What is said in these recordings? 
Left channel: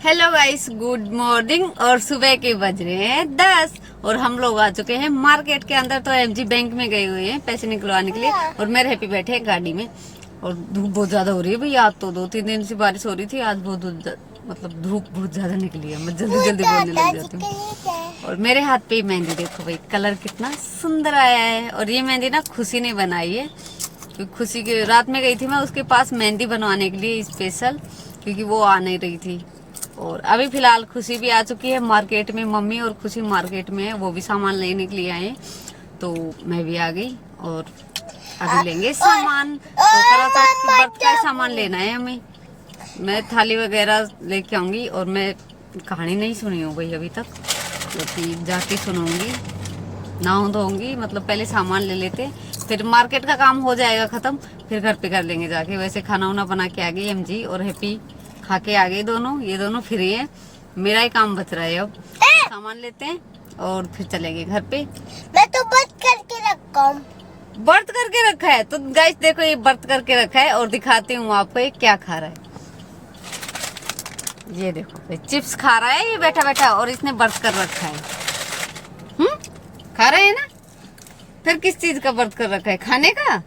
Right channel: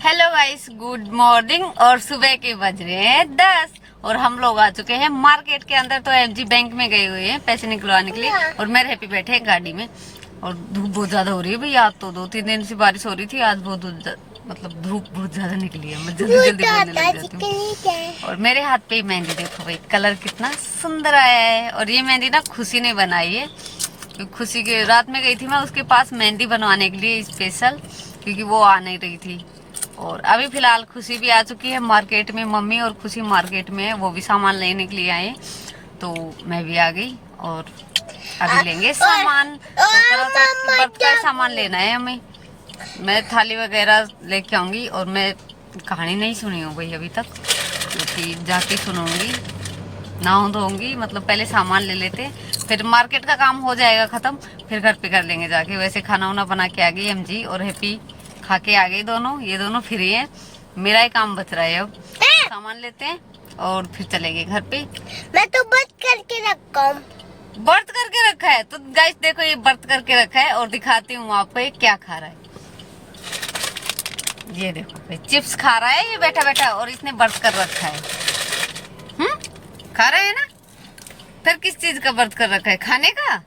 Hello guys, good morning. और सुबह के बज रहे हैं 10 और हम लोग आ चुके हैं मार्केट के अंदर। तो एमजी बैंक में गए हुए हैं पैसे निकलवाने के लिए और मेरे हैप्पी बैठे हैं गाड़ी में। और धूप बहुत ज्यादा हो रही है भैया। आज तो 2-3 दिन से बारिश हो रही थी, आज मतलब धूप बहुत ज्यादा निकली है। मैं जल्दी जल्दी बोलने लग जाती हूँ। और मेरे हाथ पे मेहंदी देखो भाई, कलर कितना सुंदर आया है। और ये मेहंदी ना खुशी ने बनाई है, क्योंकि खुशी के रात में गई थी मैं उसके पास मेहंदी बनवाने के लिए स्पेशल, क्योंकि वो आ नहीं रही थी। और अभी फिलहाल खुशी भी आ चुकी है मार्केट में। मम्मी और खुशी मार्केट में है, वो भी सामान लेने के लिए आए। तो मैं भी आ गई और अभी लेंगे सामान। तो व्रत का सामान लेना है हमें। मैं थाली वगैरह लेके आऊंगी। और मैं कहानी नहीं सुनी हूँ भाई अभी तक, क्योंकि जाके सुनूंगी, नहा धोऊंगी। मतलब पहले सामान ले लेते, फिर मार्केट का काम हो जाएगा खत्म, फिर घर पे कर लेंगे जाके। वैसे खाना वाना बना के आ गई एमजी और हैप्पी, खा के आ गई दोनों। ये दोनों फ्री हैं, मेरा ही काम बच रहा है। अब सामान लेते हैं और फिर चलेंगे घर पे। मैं तो बंद करके रखा हूँ। व्रत करके रखा है तो गाइस देखो, ये व्रत करके रखा है। और दिखाती हूँ आपको ये क्या खा रहा है। ये देखो चिप्स खा रहा है ये बैठा बैठा, और इसने व्रत कर रखा है। खा रहे हैं ना। फिर किस चीज का व्रत कर रखा है? खाने का?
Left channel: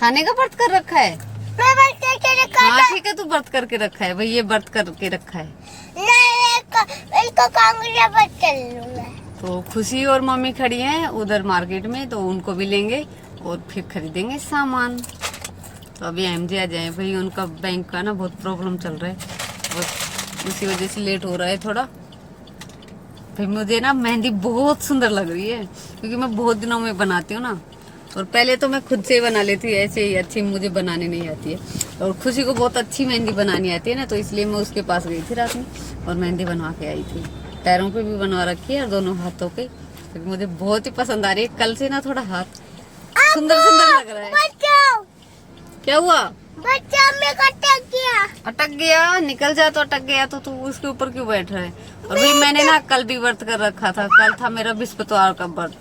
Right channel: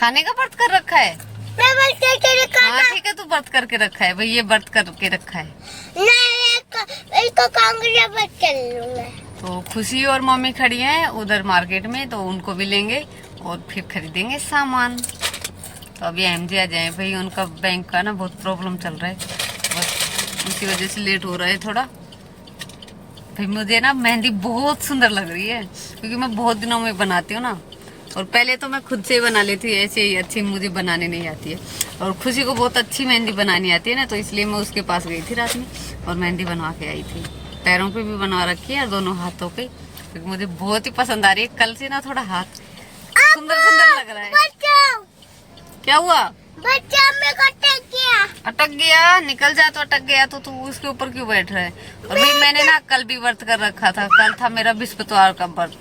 खाने का व्रत कर रखा है। मैं बंद करके रखा हाँ था। ठीक है, तू व्रत करके रखा है भाई, ये व्रत करके रखा है। नहीं, इसको कांगड़िया बंद कर लूंगा। तो खुशी और मम्मी खड़ी हैं उधर मार्केट में, तो उनको भी लेंगे और फिर खरीदेंगे सामान। तो अभी एमजे आ जाए भाई, उनका बैंक का ना बहुत प्रॉब्लम चल रहा है, बस उसी वजह से लेट हो रहा है थोड़ा। फिर मुझे ना मेहंदी बहुत सुंदर लग रही है, क्योंकि मैं बहुत दिनों में बनाती हूँ ना। और पहले तो मैं खुद से ही बना लेती, ऐसे ही अच्छी मुझे बनाने नहीं आती है। और खुशी को बहुत अच्छी मेहंदी बनानी आती है ना, तो इसलिए मैं उसके पास गई थी रात में और मेहंदी बनवा के आई थी। पैरों पे भी बनवा रखी है और दोनों हाथों पे, क्योंकि मुझे बहुत ही पसंद आ रही है। कल से ना थोड़ा हाथ सुंदर सुंदर लग रहा है। बचाओ, क्या हुआ? बचाओ, मैं अटक गया। अटक गया? निकल जा। तो अटक गया तो तू उसके ऊपर क्यों बैठ रहा है? और भाई मैंने ना कल भी व्रत कर रखा था। कल था मेरा बृहस्पतिवार का व्रत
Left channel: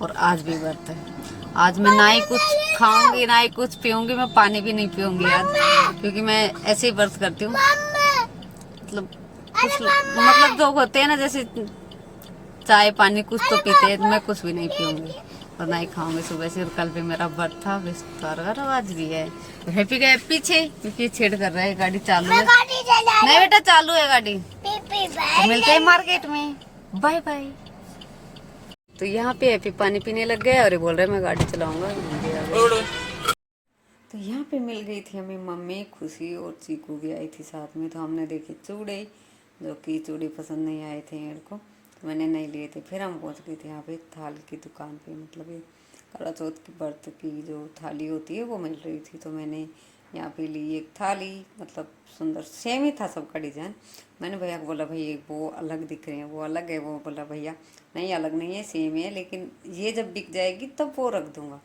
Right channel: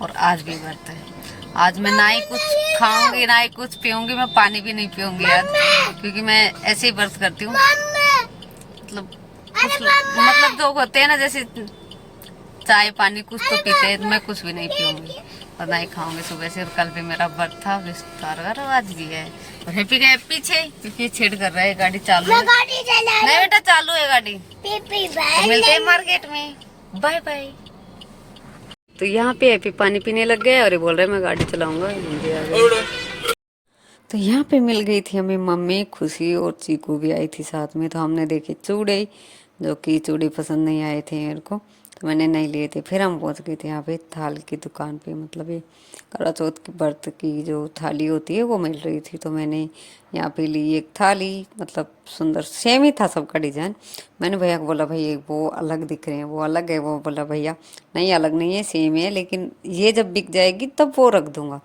और आज भी व्रत है। आज मैं ना ही कुछ खाऊंगी ना ही कुछ पीऊंगी, मैं पानी भी नहीं पीऊंगी आज, क्योंकि मैं ऐसे ही व्रत करती हूँ। मतलब मतलब जो होते हैं ना, जैसे चाय पानी कुछ तो पीते हैं, मैं कुछ भी नहीं पीऊंगी और ना ही खाऊंगी सुबह से। कल भी मेरा व्रत था बृहस्पतिवार, आज भी है। और हैप्पी गए पीछे, क्योंकि छेड़ कर रहा है। गाड़ी चालू है? गाड़ी चला नहीं बेटा, चालू है गाड़ी। पीपी तो मिलते हैं मार्केट में, बाय बाय। तो यहाँ पे हैप्पी पानी पीने लग गया और ये बोल रहे मैं गाड़ी चलाऊंगा। तो यहाँ पे मिल गई थी हमें मम्मी, खुशी और चीकू भी आई थी साथ में। तो हमने देखे चूड़े, जो कि चूड़ी पसंद नहीं आए थे मेरे को, तो मैंने नहीं लिए थे। फिर हम पहुँच गए थे यहाँ पे थाल की दुकान पे। मतलब ये करवा चौथ की व्रत की जो थाली होती है वो मिल रही थी, तो मैंने यहाँ पे ली एक थाली। मतलब सुंदर सेम ही था सबका डिजाइन। मैंने भैया को बोला भाई वो अलग दिख रहे हैं, वो अलग है। वो बोला भैया नहीं अलग नहीं है, सेम है, लेकिन ये जब बिक जाएगी तब वो रख दूंगा।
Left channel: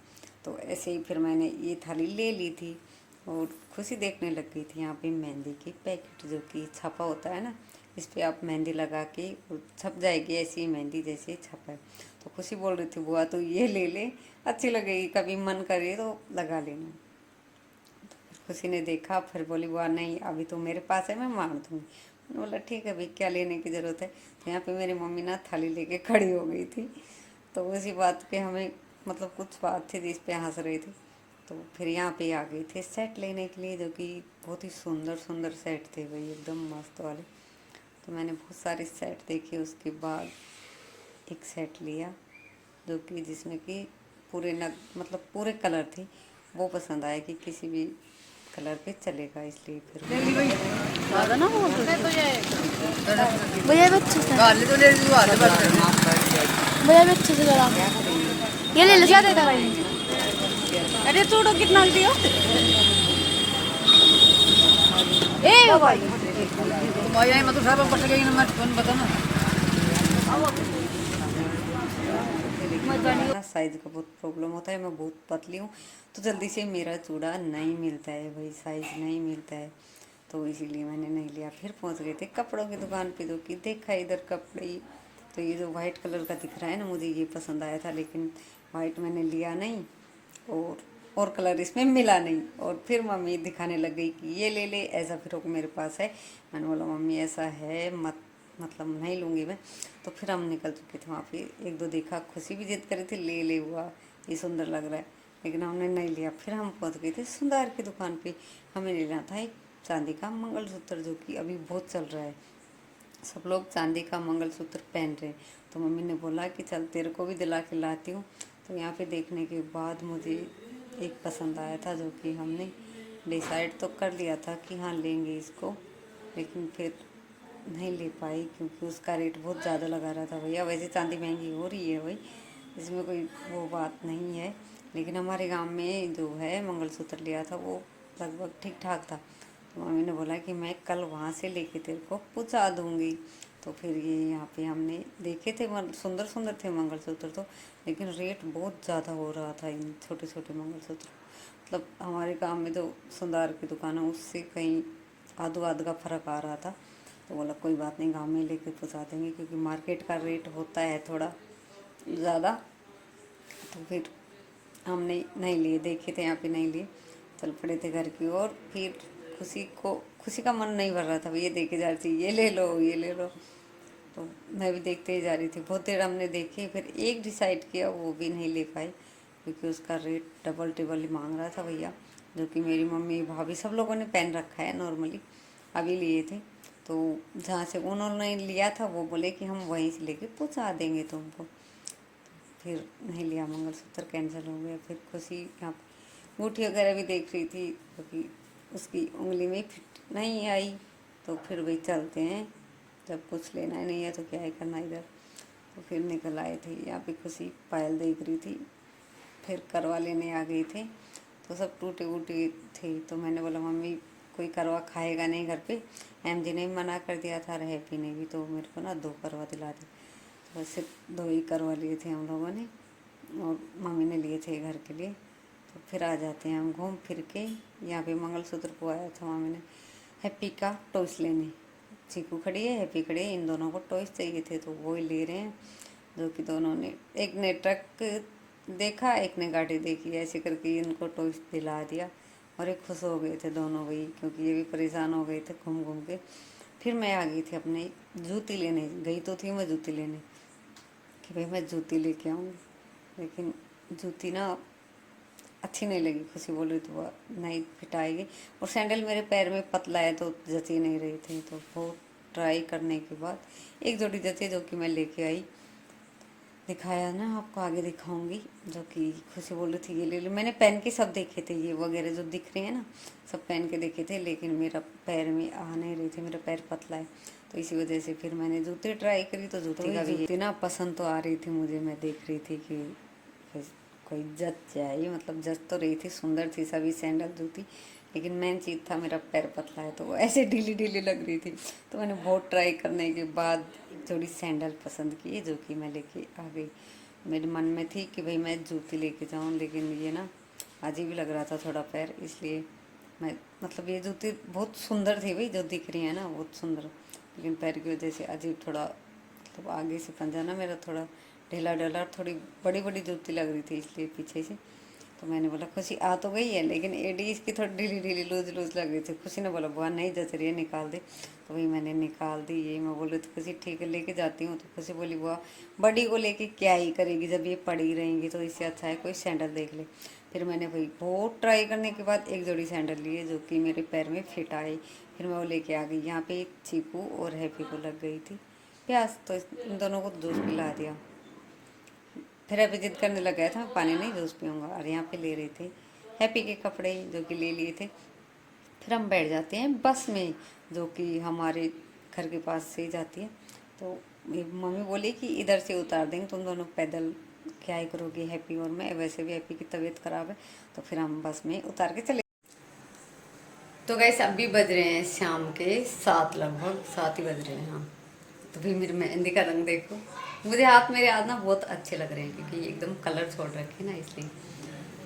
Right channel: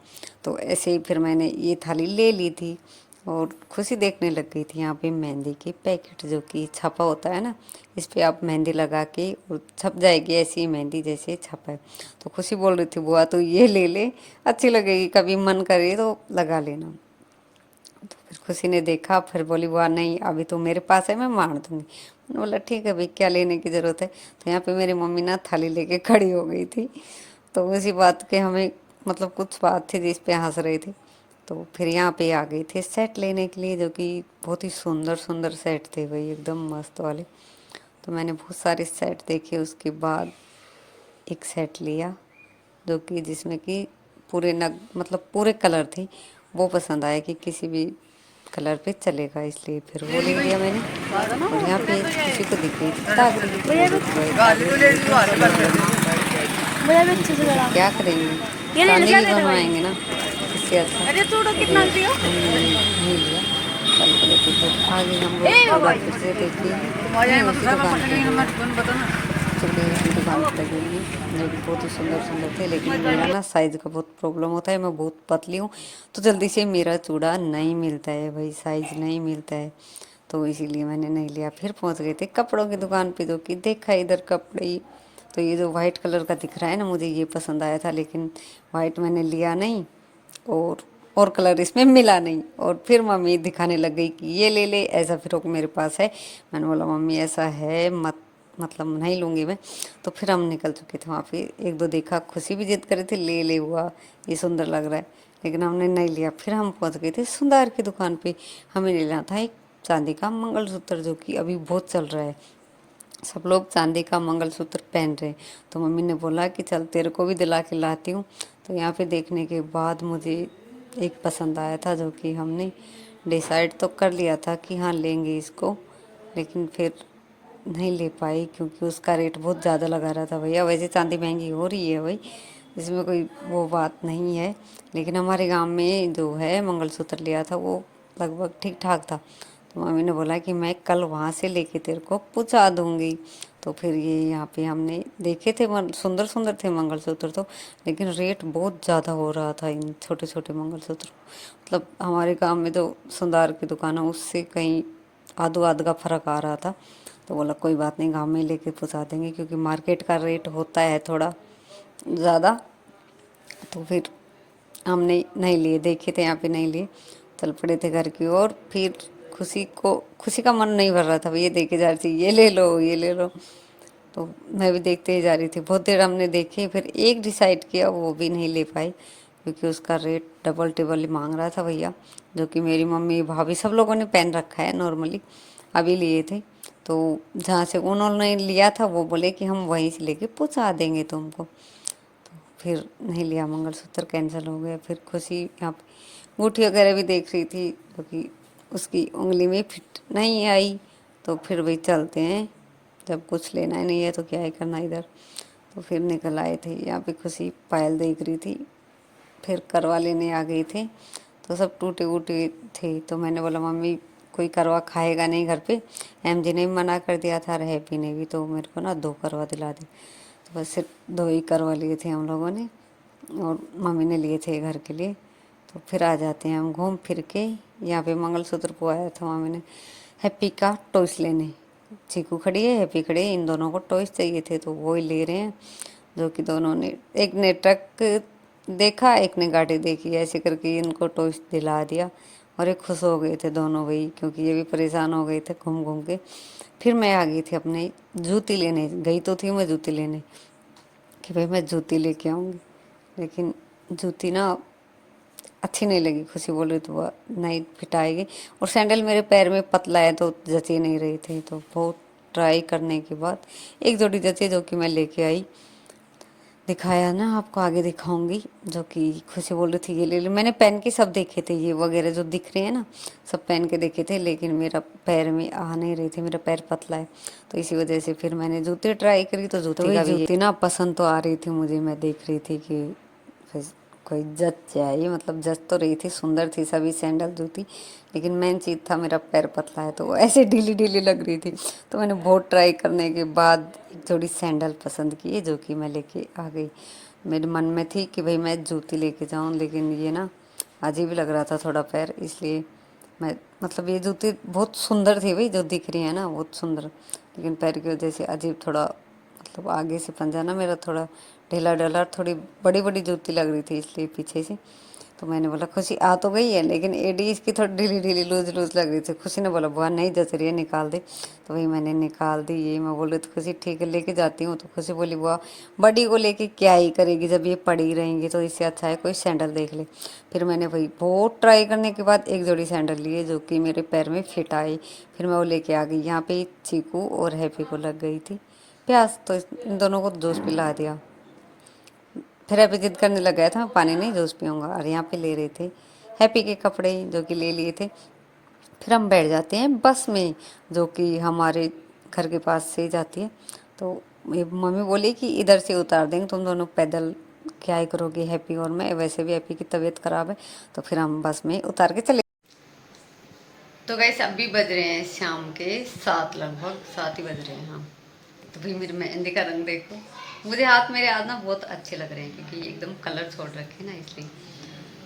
तो ऐसे ही फिर मैंने ये थाली ले ली थी और खुशी देखने लग गई थी यहाँ पे मेहंदी के पैकेट, जो कि छपा होता है ना, इस पे आप मेहंदी लगा के और छप जाएगी ऐसी मेहंदी जैसे छपा है। तो खुशी बोल रही थी बुआ तो ये ले ले, अच्छी लगेगी, कभी मन करे तो लगा लेना। तो फिर खुशी ने देखा, फिर बोली बुआ नहीं अभी तो मेरे पास है, मैं मार दूंगी। मैंने बोला ठीक है भाई, क्या लेने की ज़रूरत है। तो यहाँ पे मेरी मम्मी ना थाली लेके खड़ी हो गई थी। तो उसी बात के हमें मतलब कुछ बात थी जिस पे हंस रही थी। तो फिर यहाँ पे आ गए थे सेट लेने के लिए, जो कि बहुत ही सुंदर सुंदर सेट थे भाई, एकदम मस्त वाले। तो मैंने बहुत सारे सेट देखे, उसके बाद एक सेट लिया, जो कि जिसमें कि पूरे नग मतलब पूरे कलर थे। वो पसंद आया कि किसी भी कलर पे चलेगा, इसलिए फिर वो ले लिया मैंने। और यहाँ पे किसी को दिख रही थी क्या करेंगे, ये ले लो, क्या गाने देता भाई? बनवाएंगे ना, इससे अच्छा। अरे चूड़ो कितना दियो? आगे हम लोग फिर से देखिए बहुत ही सुंदर सुंदर थे, लेकिन मेरा ना साइज़ का बहुत प्रॉब्लम होता है, मैं बहुत पतली हूँ, तो जल्दी से मेरा चूड़ा नहीं मिलता है भाई, साइज़ नहीं मिलता है, तो इसीलिए मैंने नहीं लिया। फिर पहुँच गए थे कपड़ों की दुकान पे, जो कि देखा इधर कपड़े ही। तो ये जो वाइट कलर का दिख रहा है ना, मुझे ये पसंद आया था, लेकिन वाइट मैंने लिया नहीं। और और कलर इसमें मिला नहीं। और फिर मम्मी दिखाने लग गई कि ये ले ले, ऐसा फ्रॉक मेरे पास है। मैंने बोला मम्मी ऐसा है मत, मतलब नहीं लूँगी मैं। तो फिर हम निकल चुके थे वहाँ पे। एक दो देखा, खुशी भी जिद करे थे ले ले हुआ, ये सुंदर लग रहा है, लेकिन हमने नहीं लिया। फिर हम पहुँच गए थे सुंदर की दुकान पे। हमें लेना था एक चांदी का मंगलसूत्र, जो कि अभी बहुत चल रहा है, सब लोग चांदी का मंगलसूत्र पहन रहे हैं। तो मम्मी ने बोला कि चल तेरे को भी दिला के लाती हूँ। तो यहाँ पे देखने के बाद मुझे एक पसंद आया था, जो कि हमने डिसाइड तो कर लिया था कि हाँ लेंगे इसको, लेकिन फिर नहीं ले पाई क्योंकि उसका रेट बहुत ज़्यादा लगा रहा था भैया। वैसे चांदी महंगी हो रही है भाई, इसमें कोई वो बात नहीं है, लेकिन हमारे गांव में जो है मंगलसूत्र लिया था वो लगभग ठीक ठाक था। तो मम्मी ने बोला कि मैं कल वहाँ से लेके तेरे को पहुँचा दूँगी। तो फिर ये यहाँ पे हमने देखे थे, सुंदर सुंदर थे मंगलसूत्र तो, लेकिन रेट बहुत ज़्यादा हो रहा था इन छोटे छोटे मंगलसूत्र। मतलब हमारे गांव में जो सुंदर की दुकान है उससे कहीं आधो आध का फ़र्क आ रहा था। तो बोला कोई बात नहीं, गांव में लेके पहुँचा देंगे, क्योंकि मार्केट का रेट होता है थोड़ा ज़्यादा। तो फिर हमने नहीं लिए, देखे थे यहाँ पे नहीं लिए, चल पड़े थे घर की ओर। फिर खुशी का मन नहीं भर रहा था, ये देखे जा रही थी ये ले लो ये ले लो। तो मैं भी देखते ही जा रही थी, बहुत देर हमने देखे, फिर एक डिसाइड किया, वो भी नहीं ले पाई क्योंकि उसका रेट डबल टिबल ही मांग रहा था भैया। जो कि मेरी मम्मी भाभी सब लोगों ने पहन रखा है नॉर्मली, अभी लिए थे। तो जहाँ से उन्होंने लिया था वो बोले कि हम वहीं से लेके पहुँचा देंगे तुमको। फिर नहीं लिया, मंगलसूत्र कैंसिल हो गया। फिर खुशी यहाँ पे अंगूठी वगैरह भी देख रही थी, क्योंकि उसकी उंगली में फिट नहीं आई। तो फिर भाई चलते हैं, जब कुछ लेना ही नहीं है तो क्या ही करना इधर। तो फिर निकल आए थे। यहाँ पे खुशी पायल देख रही थी, फिर करवा लेने आ गए थे। तो सब टूटे वूटे थे। तो मैंने बोला मम्मी कोई करवा खाएगा नहीं घर पे, एम जी ने भी मना कर दिया था, रहे पीने भी, तो मेरे को ना 2 करवा दिला दे। तो बस सिर्फ 2 ही करवा लिए थे हम लोगों ने, और मम्मी ने लिए थे घर के लिए। तो फिर आ जाते हैं हम घूम फिर के। यहाँ पे मंगलसूत्र को आया था मम्मी ने हैप्पी का टॉयस लेने। चीकू खड़ी है, हैप्पी खड़ी है, इन दोनों को टॉयस चाहिए थे तो वो ही ले रहे हैं। जो कि दोनों ने, एक ने ट्रक देखा एक ने गाड़ी देखी, ऐसे करके इनको टॉयस दिला दिया। और ये खुश हो गए थे दोनों भाई, क्योंकि ये भी परेशान हो गए थे घूम घूम के। फिर मैं आ गई थी अपने जूती लेने, गई तो थी मैं जूती लेने कि भाई मैं जूती लेके आऊँगी, लेकिन जूती ना अच्छी नहीं लगी। खुशी बोल रही तो वो नहीं फिट आएगी, और सैंडल मेरे पैर में पतला है तो जची नहीं रही थी। तो बहुत ट्राई करने के बाद एक जोड़ी जची, जो कि मैं लेके आई, दिखाया ना आपको, आगे दिखाऊंगी। जो कि खुशी बोल रही थी ये ले ले, मैंने पहन के सब देखे थे, ये वगैरह जो दिख रहे हैं ना सब पहन के देखे थे, लेकिन मेरा पैर में आ नहीं रही थी, मेरा पैर पतला है। तो इसी वजह से फिर मैंने जूती ट्राई करी, तो जूती का भी जूती ना पसंद तो आ रही थी मुझे, मैं देख रही थी कि फिर कोई जच जाए, मतलब जच तो रही थी, सुंदर थी सभी सैंडल जूती, लेकिन मेन चीज़ था मेरा पैर पतला है तो वो ऐसे ढीली ढीली लग रही थी। तो मैंने बहुत ट्राई करने के बाद एक जोड़ी सैंडल पसंद किए, जो कि मैं लेके आ गई। मेरे मन में थी कि भाई मैं जूती लेके जाऊं, लेकिन ये ना अजीब लग रहा था थोड़ा पैर, इसलिए मैं, मतलब ये जूती बहुत सुंदर थी भाई, जो दिख रही है ना बहुत सुंदर, लेकिन पैर की वजह से अजीब थोड़ा, मतलब आगे से पंजा ना मेरा थोड़ा ढीला ढाला, थोड़ी बड़ी बड़ी जूती लग रही थी, इसलिए पीछे से। तो मैंने बोला खुशी आ तो गई है, लेकिन एडी इसकी थोड़ी ढीली ढीली लूज लूज लग रही थी। खुशी ने बोला बुआ नहीं जच रही है, निकाल दे। तो वही मैंने निकाल दी। ये मैं बोल रही थी खुशी ठीक है लेके जाती हूँ। तो खुशी बोली बुआ बड़ी को लेके क्या ही करेगी, जब ये पड़ी रहेंगी तो इससे अच्छा है कोई सैंडल देख ले। फिर मैंने वही बहुत ट्राई करने के बाद एक जोड़ी सैंडल लिए, जो कि मेरे पैर में फिट आई। फिर मैं वो लेके आ गई। यहाँ पे चीकू और हैप्पी को लग गई थी प्यास, तो इन दोनों को जूस पिला दिया। फिर हैप्पी जिद करने लग गया था, मैं पानी नहीं जूस पीऊँगा, और यहाँ पे ले रहे थे हैप्पी के कपड़े, जो कि ले लिए थे। फिर हम बैठ जाते हैं बस में, जो कि हमारे घर के पास से ही जाती है। तो मम्मी बोली कि इधर से उतार देंगे, तुम दोनों पैदल क्या ही करोगे हैप्पी और मैं, वैसे भी हैप्पी की तबीयत ख़राब है। तो फिर हम बस में उतार के चले। तो गाइस अभी बज रहे हैं शाम के 7, लगभग 7 ही बज रहे हैं हाँ। तो भाई मेरी मेहंदी का रंग देखो, मुझे मेरे हाथ ना बहुत अच्छे लग रहे हैं, क्योंकि एकदम कलर छोड़ रखे ना इसलिए।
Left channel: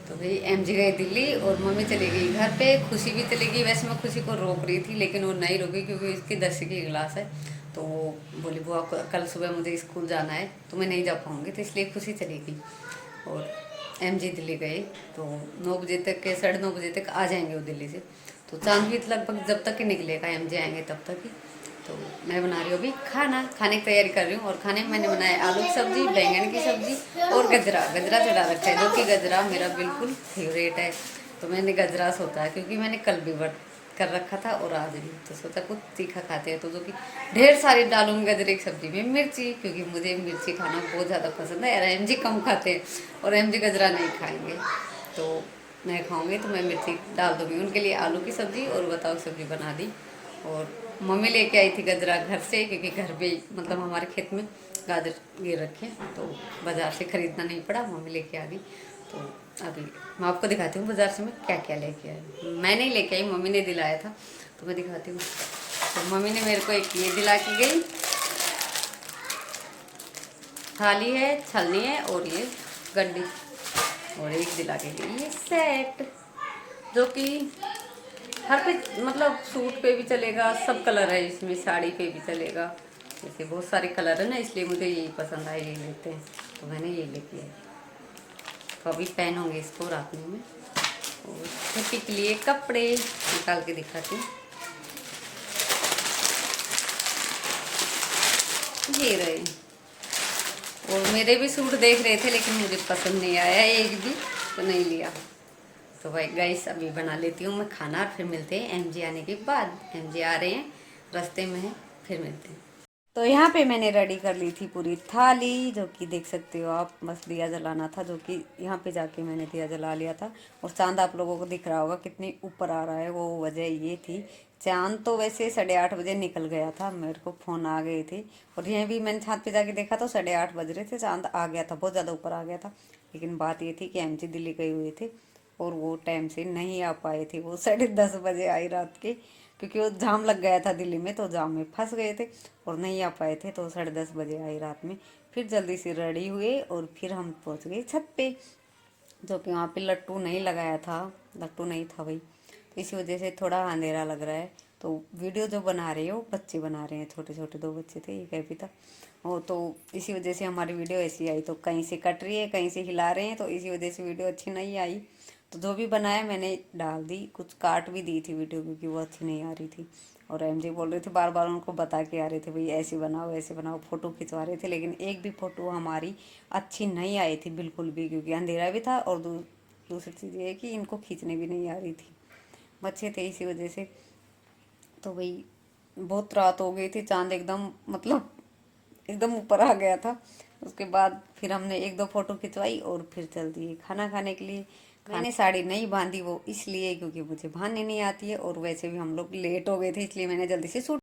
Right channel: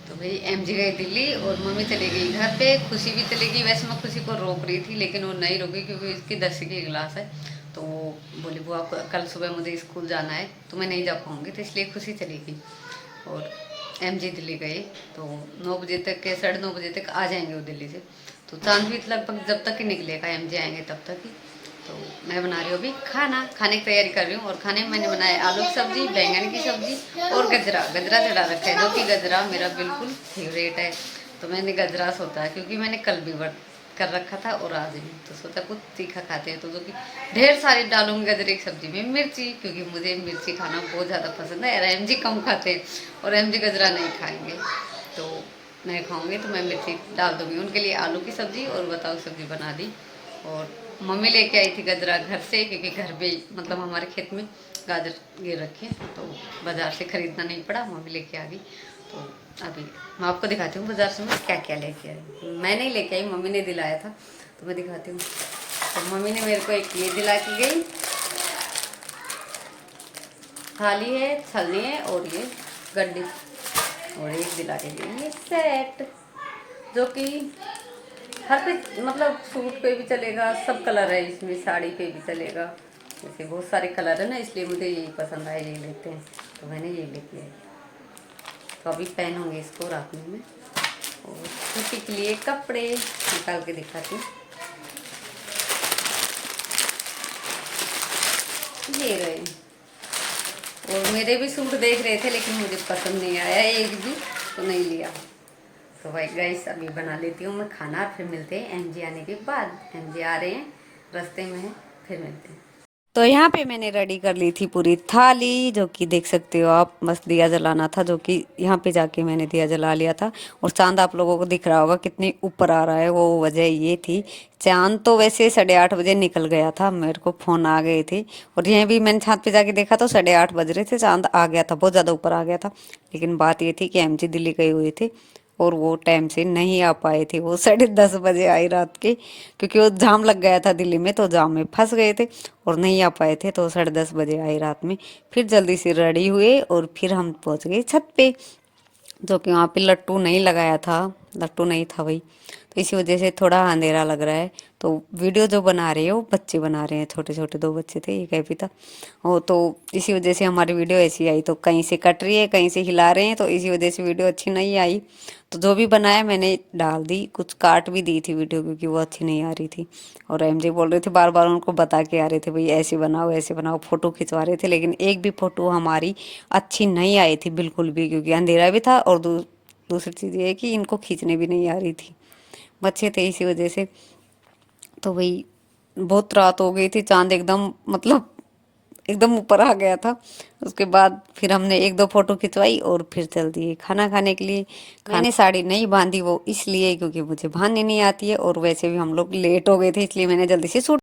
तो भाई एम जी गई दिल्ली और मम्मी चली गई घर पे, खुशी भी चली गई। वैसे मैं खुशी को रोक रही थी, लेकिन वो नहीं रुकी, क्योंकि इसकी 10वीं की क्लास है। तो वो बोली बुआ कल सुबह मुझे स्कूल जाना है तो मैं नहीं जा पाऊँगी, तो इसलिए खुशी चली गई। और एमजी दिल्ली गए तो 9 बजे तक के 9:30 बजे तक आ जाएंगे वो दिल्ली से। तो चांद भी लगभग जब तक ही निकलेगा, एमजी आएंगे तब तक ही। तो मैं बना रही हूँ अभी खाने की तैयारी कर रही हूँ। और खाने में मैंने बनाया आलू की सब्जी, बैंगन की सब्जी और गजरा चढ़ा रखा है, जो कि गजरा मेरा बिल्कुल फेवरेट है। तो मैंने गजरा सोचा है क्योंकि मैंने कल भी व्रत कर रखा था और आज भी, तो सोचा कुछ तीखा खाते हैं, तो जो कि ढेर सारी डालूंगी गजरे की सब्जी में मिर्ची, क्योंकि मुझे मिर्ची खाना बहुत ज़्यादा पसंद है। और एमजी कम खाते हैं और एमजी गजरा नहीं खाएंगे, तो नहीं खाऊंगी तो मैं मिर्ची डाल दूंगी उनके लिए। आलू की सब्जी और बताओ सब्जी बना दी। और मम्मी लेके आई थी गजरा घर से, क्योंकि घर पे मतलब हमारे खेत में गाजर गिर रखे, तो बाज़ार से ख़रीदना नहीं पड़ा, मम्मी लेके आ गई। तो अभी मैं आपको दिखाती हूँ बाज़ार से मैं क्या क्या लेके आई। मैं नहीं लेके आई, मम्मी ने दिलाया था, तो मैं दिखाती हूँ। तो मम्मी ने मेरे को एक ये दिला के गई, थाली है, छलनी है और ये गड्डी, और एक दिला के गई ये सेट, जो कि हर पे मतलब सूट पे भी चलेगा, सब कलर है इसमें, साड़ी पे भी चलेगा, जैसे बहुत सारे कलर है ना, इसलिए मुझे यही पसंद आया, ये लेते हैं, तो मैंने ये लेके आई। तो अभी पहनूंगी इसको रात में मैं। और छुट्टी के लिए कपड़े निकाल के दिखाती हूँ, ये रहे। और मेरे भी सूट देख रहे थे लेकिन मुझे पसंद नहीं आया एक भी, तो नहीं लिया। तो भाई गाइस अभी बना लेती हूँ मैं खाना, और फिर मिलते हैं एमजी आने के बाद। एमजी आ रहे हैं, रास्ते में हैं, फिर मिलते हैं। तो यहाँ पे मैंने रेडी कर ली थी पूरी थाली, जो कि देख सकते हो आप, मस्त दिया जलाना था, जो कि यहाँ पे जाके मैंने दिया जला लिया था। और चांद आप लोगों को दिख रहा होगा कितनी ऊपर आ रहा है, वो वजह ये थी। चांद तो वैसे 8:30 बजे निकल गया था, मेरे को फ़ोन आ गए थे। और यह भी मैंने छत पे जाके देखा तो 8:30 बज रहे थे, चांद आ गया था, बहुत ज़्यादा ऊपर आ गया था। लेकिन बात ये थी कि एमजी दिल्ली गए हुए थे और वो टाइम से नहीं आ पाए थे, वो 10:30 बजे आई रात के, क्योंकि वो जाम लग गया था दिल्ली में, तो जाम में फंस गए थे और नहीं आ पाए थे, तो 10:30 बजे आई रात में। फिर जल्दी से रेडी हुए और फिर हम पहुंच गए छत पे, जो कि वहाँ पे लट्टू नहीं लगाया था, लट्टू नहीं था भाई, तो इसी वजह से थोड़ा अंधेरा लग रहा है। तो वीडियो जो बना रहे हैं वो बच्चे बना रहे हैं, छोटे छोटे 2 बच्चे थे, एक भी था वो, तो इसी वजह से हमारी वीडियो ऐसी आई। तो कहीं से कट रही है, कहीं से हिला रहे हैं, तो इसी वजह से वीडियो अच्छी नहीं आई। तो जो भी बनाया मैंने डाल दी, कुछ काट भी दी थी वीडियो, क्योंकि वो अच्छी नहीं आ रही थी। और एमजे बोल रहे थे, बार बार उनको बता के आ रहे थे, भाई ऐसे बनाओ, फोटो खिंचवा रहे थे, लेकिन एक भी फोटो हमारी अच्छी नहीं आई थी बिल्कुल भी, क्योंकि अंधेरा भी था। और दूसरी चीज़ ये है कि इनको खींचने भी नहीं आ रही थी, बच्चे थे इसी वजह से। तो भाई बहुत रात हो गई थी, चांद एकदम मतलब एकदम ऊपर आ गया था। उसके बाद फिर हमने 1-2 फोटो खिंचवाई और फिर चल दिए खाना खाने के लिए। मैंने साड़ी नहीं बांधी, वो इसलिए क्योंकि मुझे बांधनी नहीं आती है, और वैसे भी हम लोग लेट हो गए थे, इसलिए मैंने जल्दी से सूट